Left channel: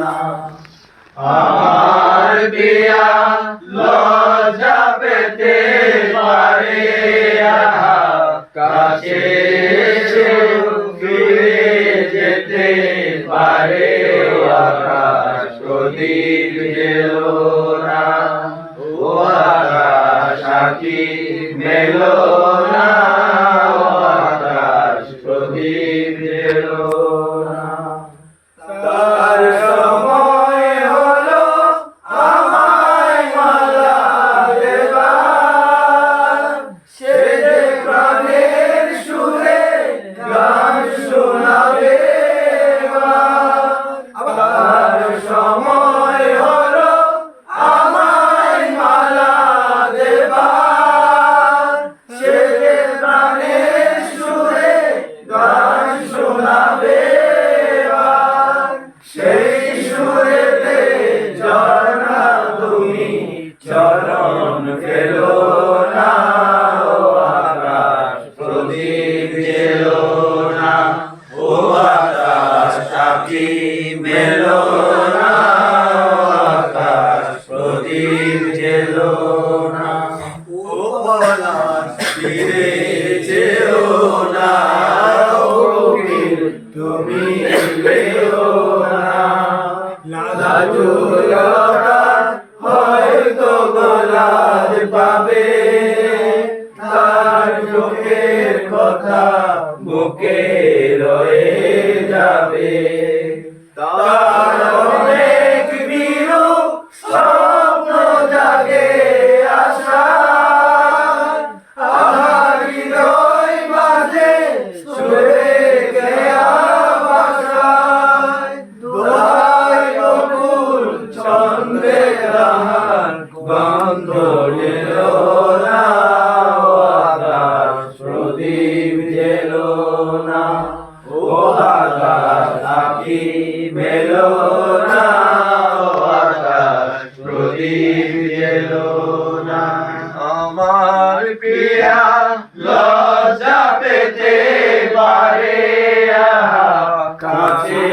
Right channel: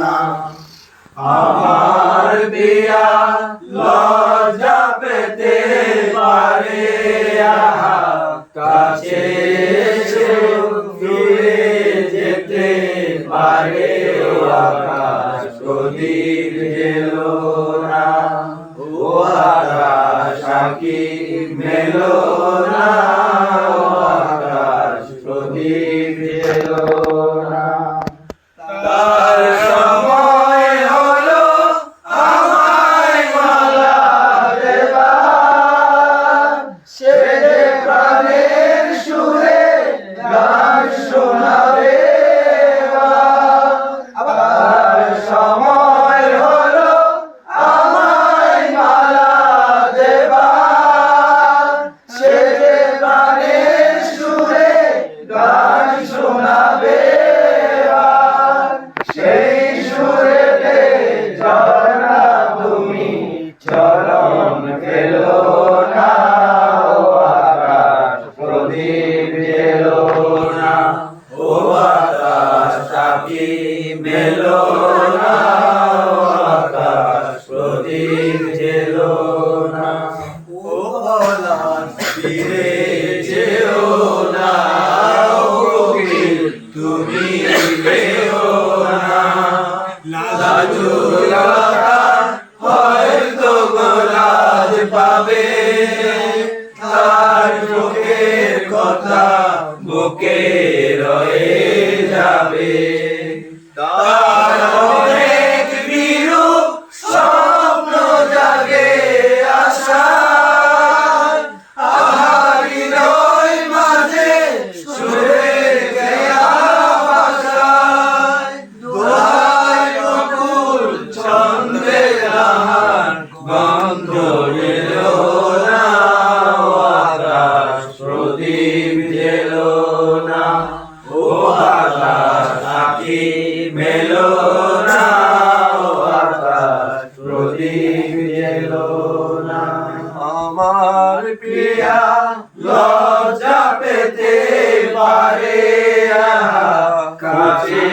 না। আমার পিয়া লজ্জা পেতে পারে, কাছে এসেও ফিরে যেতে পারে। আকাশ প্রদীপ জেলো না, ও আকাশ সাক্ষী মেলো না, ও আকাশ প্রদীপ জেলো না। তার সময় হলো আমায় মালা দেবার, সে যে প্রাণের সুরে গান শোনাবে। আবার সময় হলো আমায় মালা দেবার, সে যে প্রাণের সুরে গান শোনাবে। সেই সুরেতে ঝরনা তুমি চরণ ফেলো না, ও আকাশ প্রদীপ জেলো না, ও আকাশ সাক্ষী মেলো না, ও আকাশ প্রদীপ জেলো না। ও পলাশ ফিরে যেও না, ও কোকিল তুমি এলেও না। লাজুকতা হয়তো গোলাজ পাবে, তার চোখের কথা বুকে রয়ে যাবে। তার অনেক বিরূপ স্বপ্ন জাগে আশায়, আধার হৃদয় মাঝে সুরে গেয়া ভাষায়। দোহাই বকুল ছন্দে রাহান গন্ধ এলো না, ও আকাশ প্রদীপ জেলো না, ও আকাশ সাক্ষী মেলো না, ও আকাশ প্রদীপ জেলো না। আমার প্রিয়া লজ্জা পেতে পারে, কাছে